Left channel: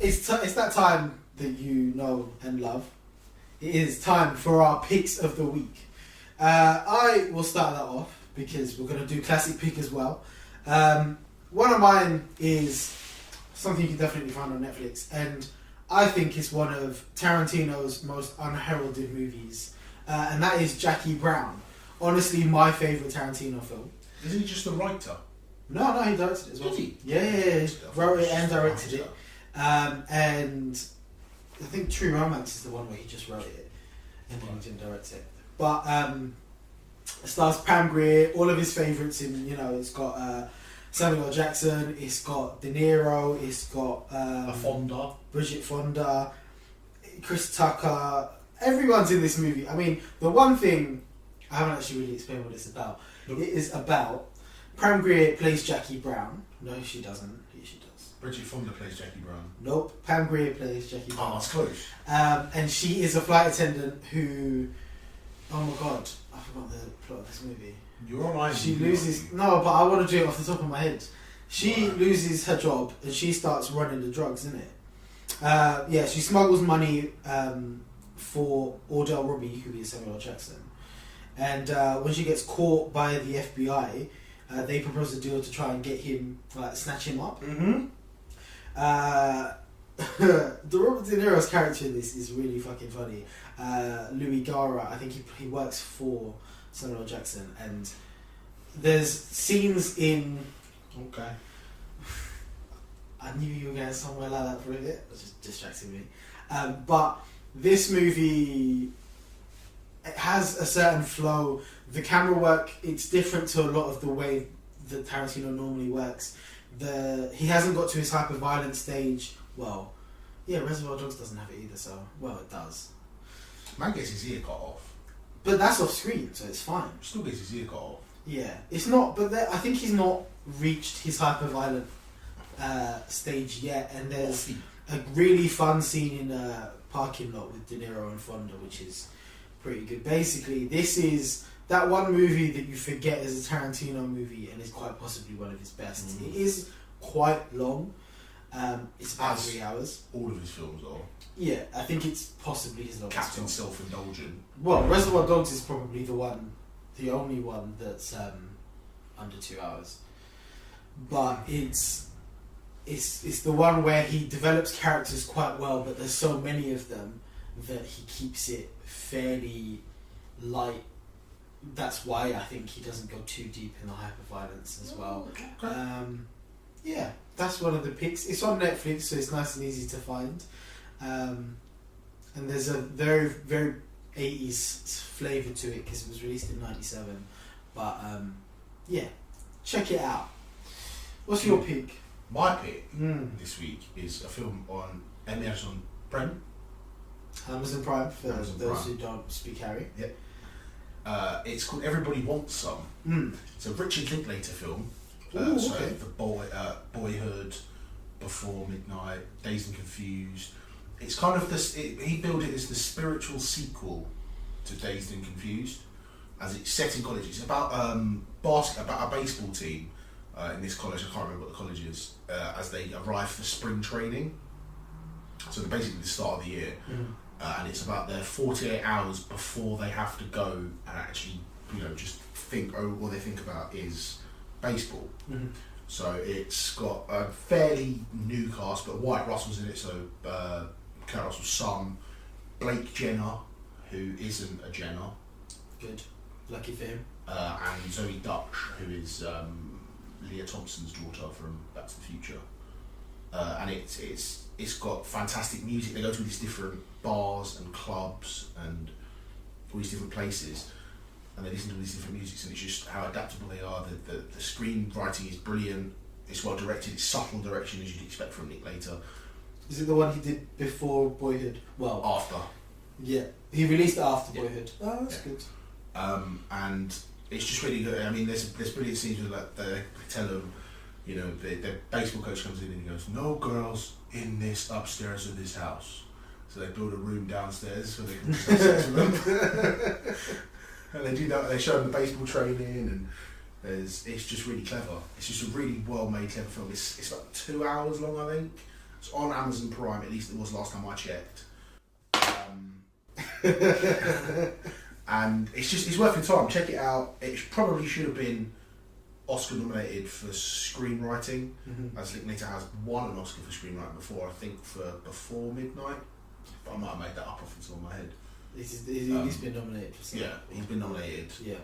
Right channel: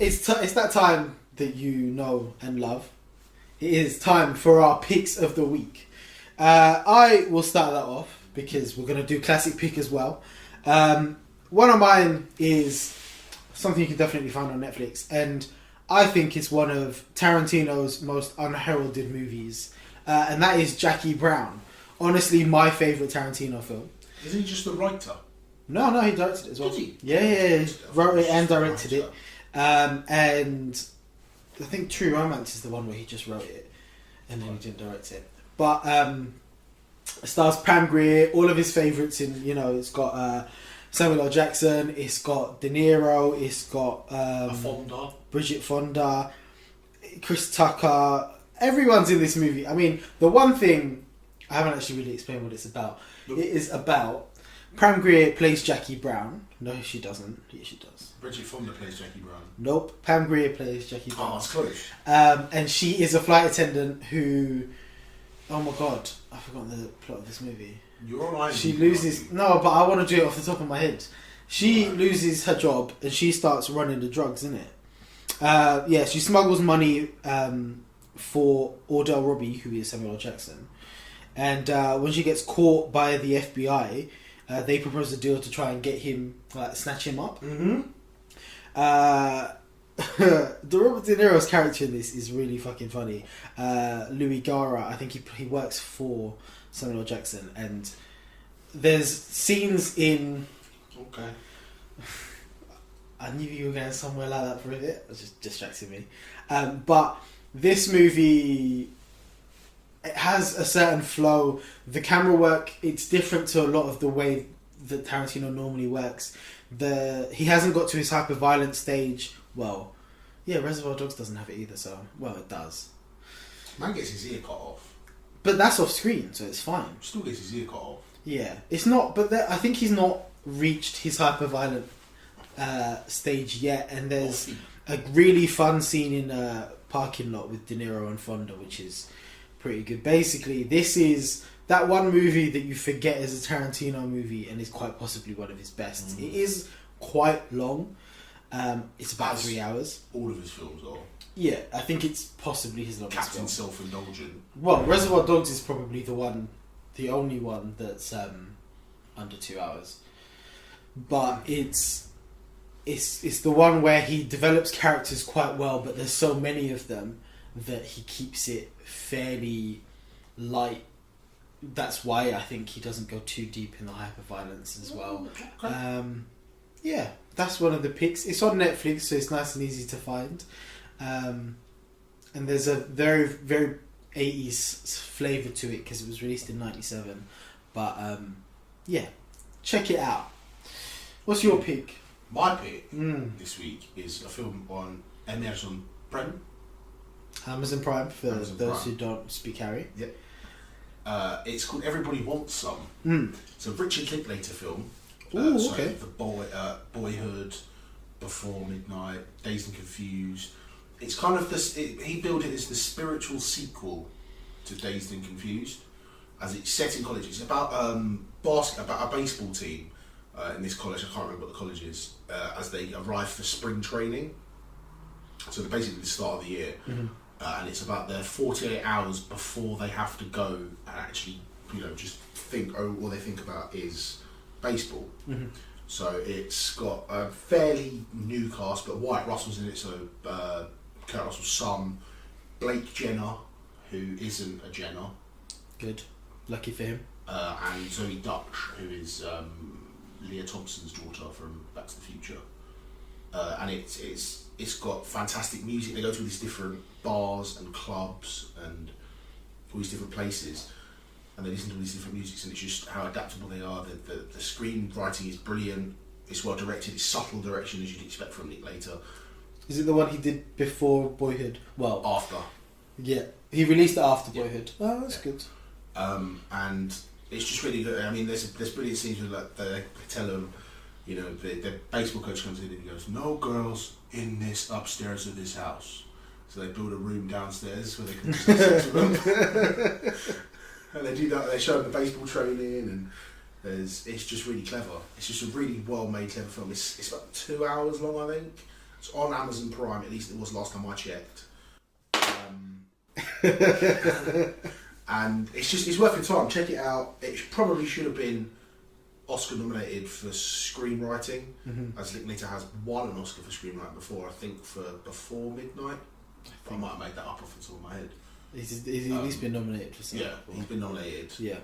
It's that time that you know and love. It is time for our picks of the week. I will start that off because we're going to do classic pick as well. One of mine is something you can definitely find on Netflix, and I think it's one of Tarantino's most unheralded movies, and that is Jackie Brown. Honestly, my favourite Tarantino film. Isn't he just a writer? No, he directed it as well. Did he? Yeah. Wrote it and directed it. And I think True Romance is the one where he just wrote it and then he didn't direct it. But it stars Pam Grier, all of his favourites in, it's got Samuel L. Jackson, it's got De Niro, it's got Fonda, Bridget Fonda, Chris Tucker. Everyone's in this movie. I mean, the one thing, I haven't actually really explained what it's about. It is about Pam Grier plays Jackie Brown. No, she doesn't. Yeah, she does. Bridget Fonda plays Jackie Brown. Nope. Pam Grier plays Jackie Brown. Oh, that's close. And she is a flight attendant who... Oh my god. I forgot the plot of this movie. You're alright. She loses... No, but I want to do it off the top of my head. She loses her job and she starts running the drugs, isn't it? She smuggles money for Ordell Robbie, who is Samuel L. Jackson. And when she gets caught by the FBI, they propose a deal to try and get him, snatch him up. Mm-hmm. The Robert De Niro's character in this is really fucking funny. Louis Gara, I think he works for Samuel L. Jackson, and there's scenes in... Okay. I knew you were going somewhere like that for a bit. It was just distracting me. But this movie... It has a certain flow. The camera work, it's different to a lot of the way that Tarantino normally works. He hasn't got to his hyper-violent stage. Well, yeah, Reservoir Dogs doesn't have it either, so... Well, it does. Man gets his ear cut off. But that's off screen, so it's fine. Still gets his ear cut off. Yeah. It's not... But I think he's not reached his hyper-violent stage yet, and there's a really fun scene in a parking lot with De Niro and Fonda, which is... pretty good. Basically, this is that one movie that you forget is a Tarantino movie and is quite possibly one of his best. It is quite long. It's about 3 hours. All of his films are. Yeah, I think it's possibly his longest Captain film. Self-Indulgent. Well, Reservoir Dogs is probably the only one that's under 2 hours. But it's the one where he develops characters quite well, but there's so many of them that he keeps it fairly light. That's why I think he doesn't go too deep in the hyper-violence as well. Okay. Yeah, that's one of the picks. It's on Netflix, so it's nice and easy to find. And there's a very, very 80s flavour to it because it was released in 97. But yeah, check it out. What's your pick? My pick this week is a film on Amazon Prime. Amazon Prime, for Amazon those Prime. who don't speak Harry. Yep. It's called Everybody Wants Some. It's a Richard Linklater film. Ooh, So okay. the Boyhood, Before Midnight, Dazed and Confused. It's kind of this. He billed it as the spiritual sequel to Dazed and Confused, as it's set in college. It's about about a baseball team in this college. I can't remember what the college is. As they arrive for spring training. So they're basically the start of the year. And it's about their 48 hours before they have to go and actually, just think, all they think about is baseball. So it's got a fairly new cast, but Wyatt Russell's in it, so Kurt Russell's son, Blake Jenner, who isn't a Jenner. Good. Lucky for him. And Zoe Dutch, who is Leah Thompson's daughter from Back to the Future. And it's got fantastic music. They go to all these different bars and clubs and all these different places, and they listen to all these different musics, and it's just how adaptable they are. The screenwriting is brilliant. It's well directed. It's subtle direction, as you'd expect from Nick Later. Is it the one he did before Boyhood? Well, After. Yeah, he released it after Boyhood. Oh, that's good. And it's just really good. I mean, there's brilliant scenes where they tell them, the baseball coach comes in and he goes, "No girls in this upstairs of this house." So they build a room downstairs where they can just have sex with them. And they do that. They show them the baseball training, and it's just really clever. It's just a really well made, clever film. It's about 2 hours long, I think. It's on Amazon Prime, at least it was last time I checked. And it's worth your time. Check it out. It probably should have been Oscar nominated for screenwriting, as Linklater has won an Oscar for screenwriting before. I think for Before Midnight. I might have made that up off the top of my head. He's been nominated for something. Yeah, he's been nominated. Yeah,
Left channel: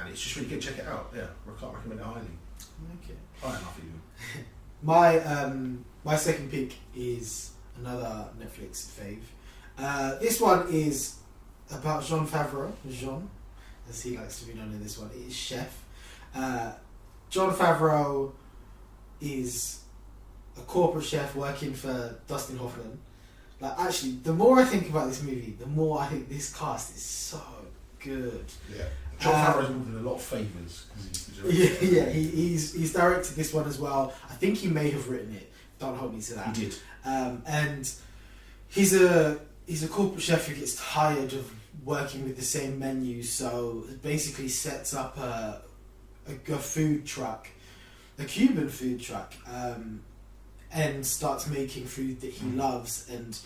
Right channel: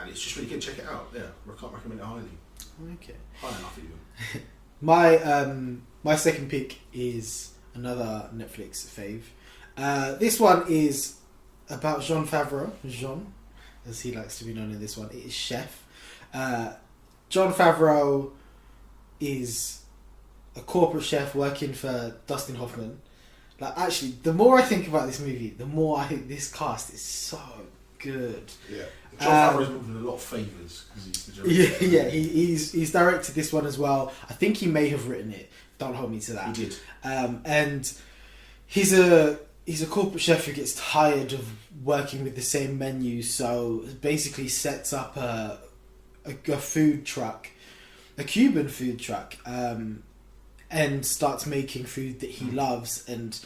and it's just really good. Check it out. Yeah, I can't recommend it highly. Okay. High enough even. My second pick is another Netflix fave. This one is about Jean Favreau. Jean, as he likes to be known in this one, is Chef. John Favreau is a corporate chef working for Dustin Hoffman. Like, actually, the more I think about this movie, the more I think this cast is so good. Yeah, John Favreau's been doing a lot of favours because he's the director. Yeah, he's directed this one as well. I think he may have written it. Don't hold me to that. He did. And he's a corporate chef who gets tired of working with the same menu, so basically sets up a food truck, a Cuban food truck, and starts making food that he loves. And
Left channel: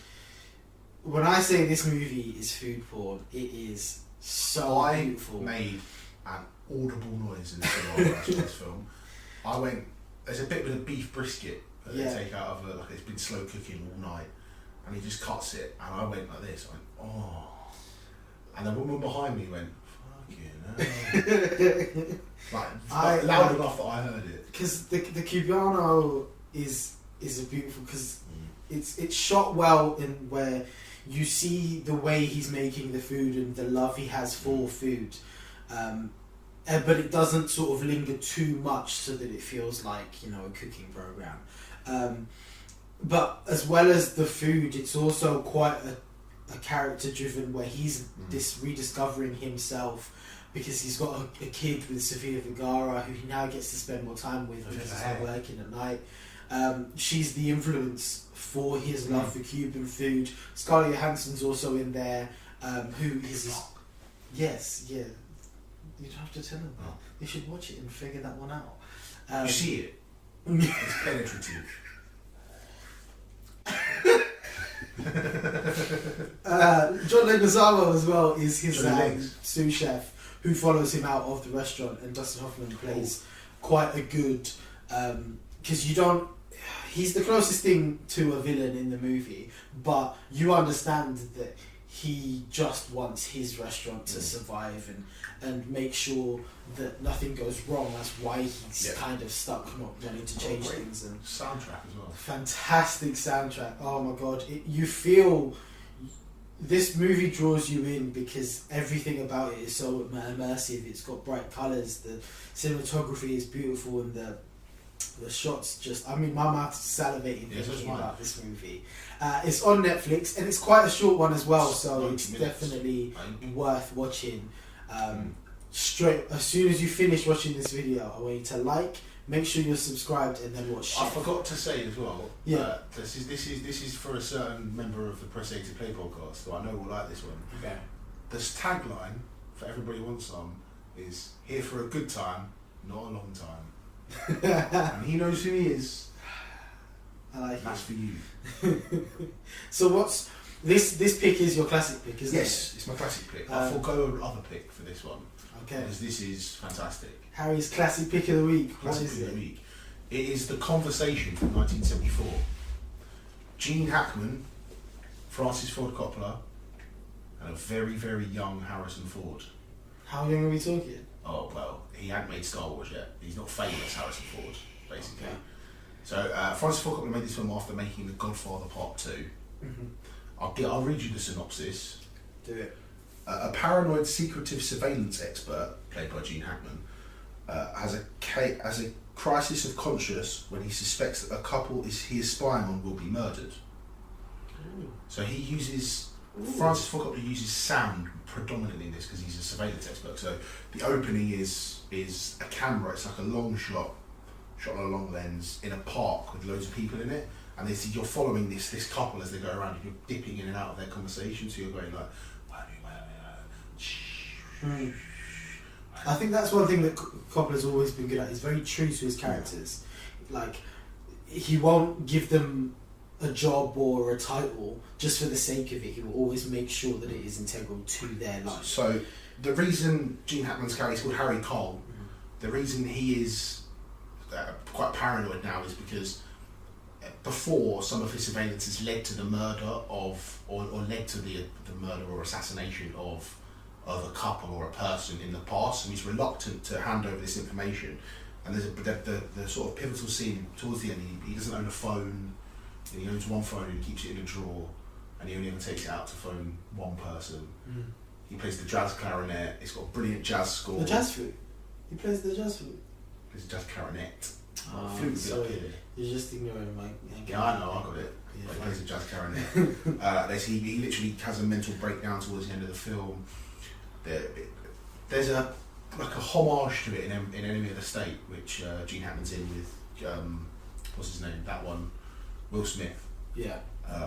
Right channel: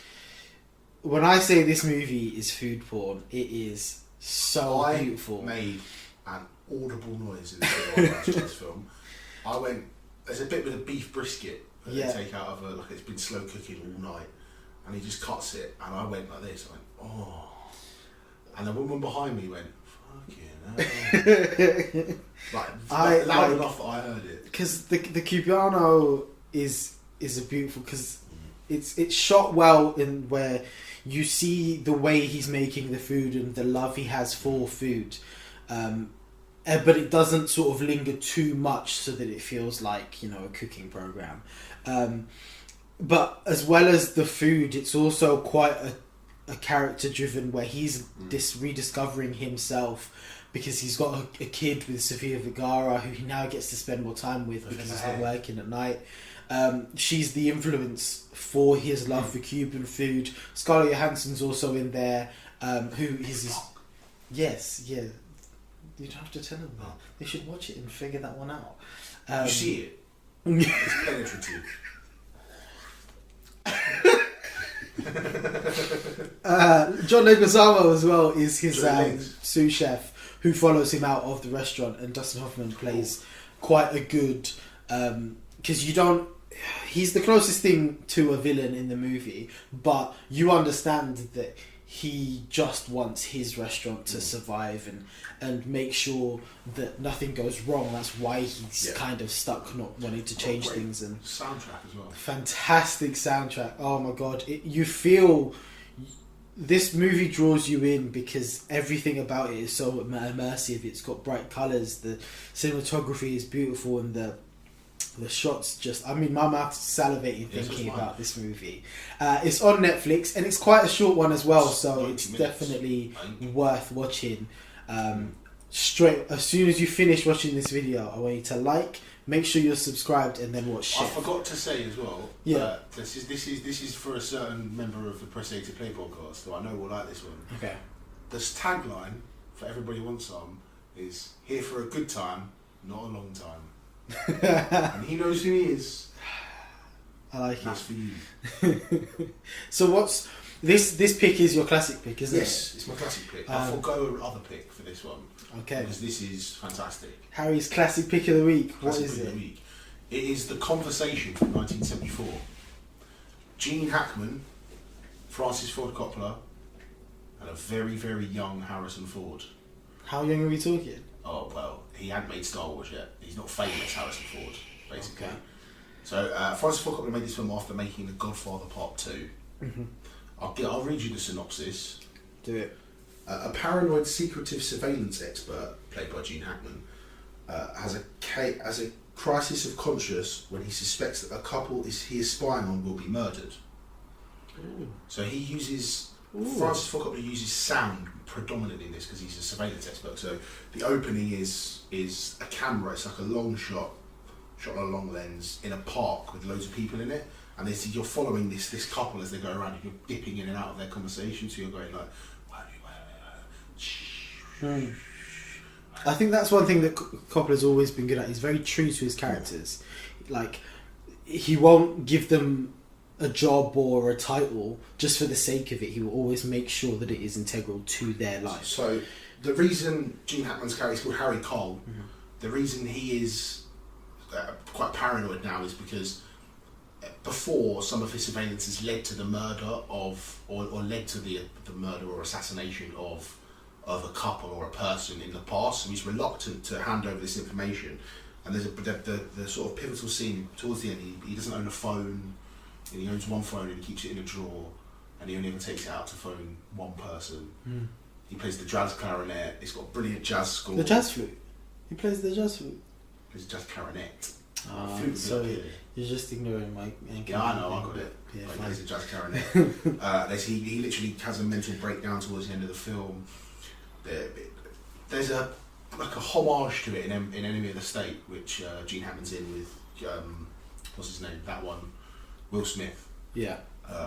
when I say this movie is food porn, it is so beautiful. I made an audible noise in the film. When I watched this film. I went. There's a bit with a beef brisket that they take out of like it's been slow cooking all night, and he just cuts it, and I went like this. I went, oh, and the woman behind me went, fucking hell. like loud enough that I heard it. Because the Cubano is a beautiful, because it's shot well in where you see the way he's making the food and the love he has for food, but it doesn't sort of linger too much so that it feels like, you know, a cooking program. But as well as the food, it's also quite a character driven, where he's rediscovering himself, because he's got a kid with Sofia Vergara who he now gets to spend more time with because he's not working at night. She's the influence for his love for Cuban food. Scarlett Johansson's also in there, who is his... Yes, yeah. You don't have to tell them that. They should watch it and figure that one out. You see it. It's penetrative. John Leguizamo as well is his sous chef, who follows him out of the restaurant, and Dustin Hoffman plays quite a good, because you don't, he's the closest thing to a villain in the movie, but you understand that he just wants his restaurant to survive and make sure that nothing goes wrong. That's why he's kind of stuck not wanting to change things. And soundtrack as well. Fantastic soundtrack. Oh my god. You feel... This movie draws you in because everything about it is so immersive. It's got bright colours, the cinematography is beautiful, and the shots just... I mean, my mouth's salivating thinking about this movie. It's on Netflix, and it's quite a short one as well, so it's definitely worth watching. Straight as soon as you finish watching this video, I want you to like, make sure you're subscribed, and then watch. I forgot to say as well. Yeah. This is for a certain member of the Press A to Play podcast, so I know we'll like this one. Okay. This tagline for Everybody Wants Some is "Here for a good time, not a long time," and he knows who he is. I like That's for you. So what's this pick? Is your classic pick, isn't it? Yes, it's my classic pick. I'll forgo other pick for this one. Okay. Because this is fantastic. Harry's classic pick of the week. Classic pick of the week. It is The Conversation from 1974. Gene Hackman, Francis Ford Coppola, and a very, very young Harrison Ford. How young are we talking? Oh, well, he hadn't made Star Wars yet. He's not famous, Harrison Ford, basically. Okay. So, Francis Ford Coppola made this film after making The Godfather Part 2. Mm-hmm. I'll read you the synopsis. Do it. A paranoid, secretive surveillance expert, played by Gene Hackman, has a crisis of conscience when he suspects that a couple he is spying on will be murdered. Ooh. So he uses... Francis Ford Coppola uses sound predominantly in this because he's a surveillance expert. So the opening is a camera. It's like a long shot on a long lens in a park with loads of people in it, and you're following this couple as they go around, and you're dipping in and out of their conversation. So you're going like... I think that's one thing that Coppola's always been good at. He's very true to his characters. Like, he won't give them a job or a title just for the sake of it. He will always make sure that it is integral to their life. So the reason Gene Hackman's character is called Harry Cole, the reason he is quite paranoid now is because before, some of his surveillances led to the murder of, or led to the murder or assassination of a couple or a person in the past, and he's reluctant to hand over this information. And there's the sort of pivotal scene towards the end. He doesn't own a phone, and he owns one phone and he keeps it in a drawer, and he only ever takes it out to phone one person. He plays the jazz clarinet. It's got a brilliant jazz score. The jazz flute. He plays the jazz flute. Plays jazz clarinet. Flute. Sorry, you're just ignoring my. Yeah, I know, I got it. Yeah, but he plays the jazz clarinet. He literally has a mental breakdown towards the end of the film. There's a homage to it in Enemy of the State, which Gene Hackman's in with what's his name? That one, Will Smith. Yeah.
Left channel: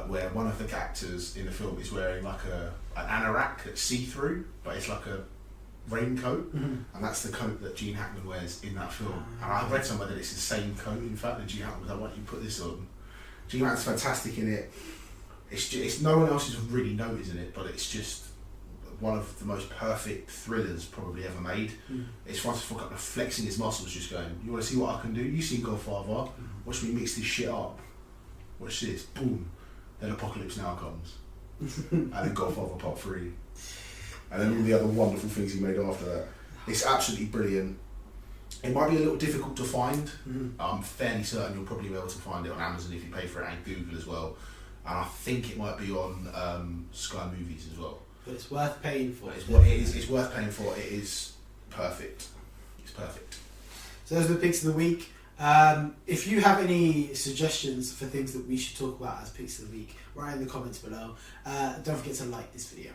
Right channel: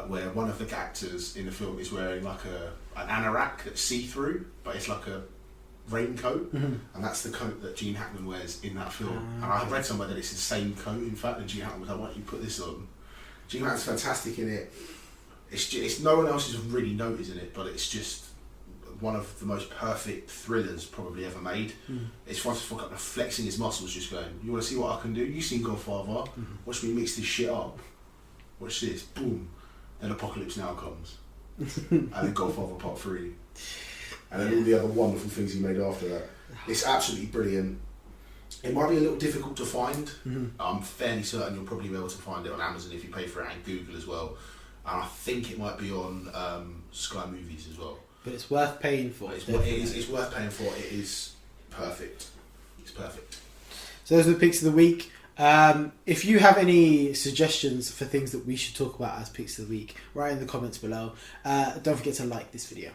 Where one of the actors in the film is wearing like an anorak that's see-through, but it's like a raincoat, and that's the coat that Gene Hackman wears in that film. And I read somewhere that it's the same coat, in fact, and Gene Hackman was like, why don't you put this on? Gene Hackman's fantastic in it. It's no one else is really noticing it, but it's just one of the most perfect thrillers probably ever made. It's Francis Ford Coppola flexing his muscles, just going, you want to see what I can do? You seen Godfather? Watch me mix this shit up. Watch this. Boom. Then Apocalypse Now comes. And then Godfather Part 3. And then all the other wonderful things he made after that. It's absolutely brilliant. It might be a little difficult to find. I'm fairly certain you'll probably be able to find it on Amazon if you pay for it, and Google as well. And I think it might be on Sky Movies as well. But it's worth paying for. It's worth paying for. It is perfect. It's perfect. So those are the picks of the week. If you have any suggestions for things that we should talk about as picks of the week, write in the comments below. Don't forget to like this video.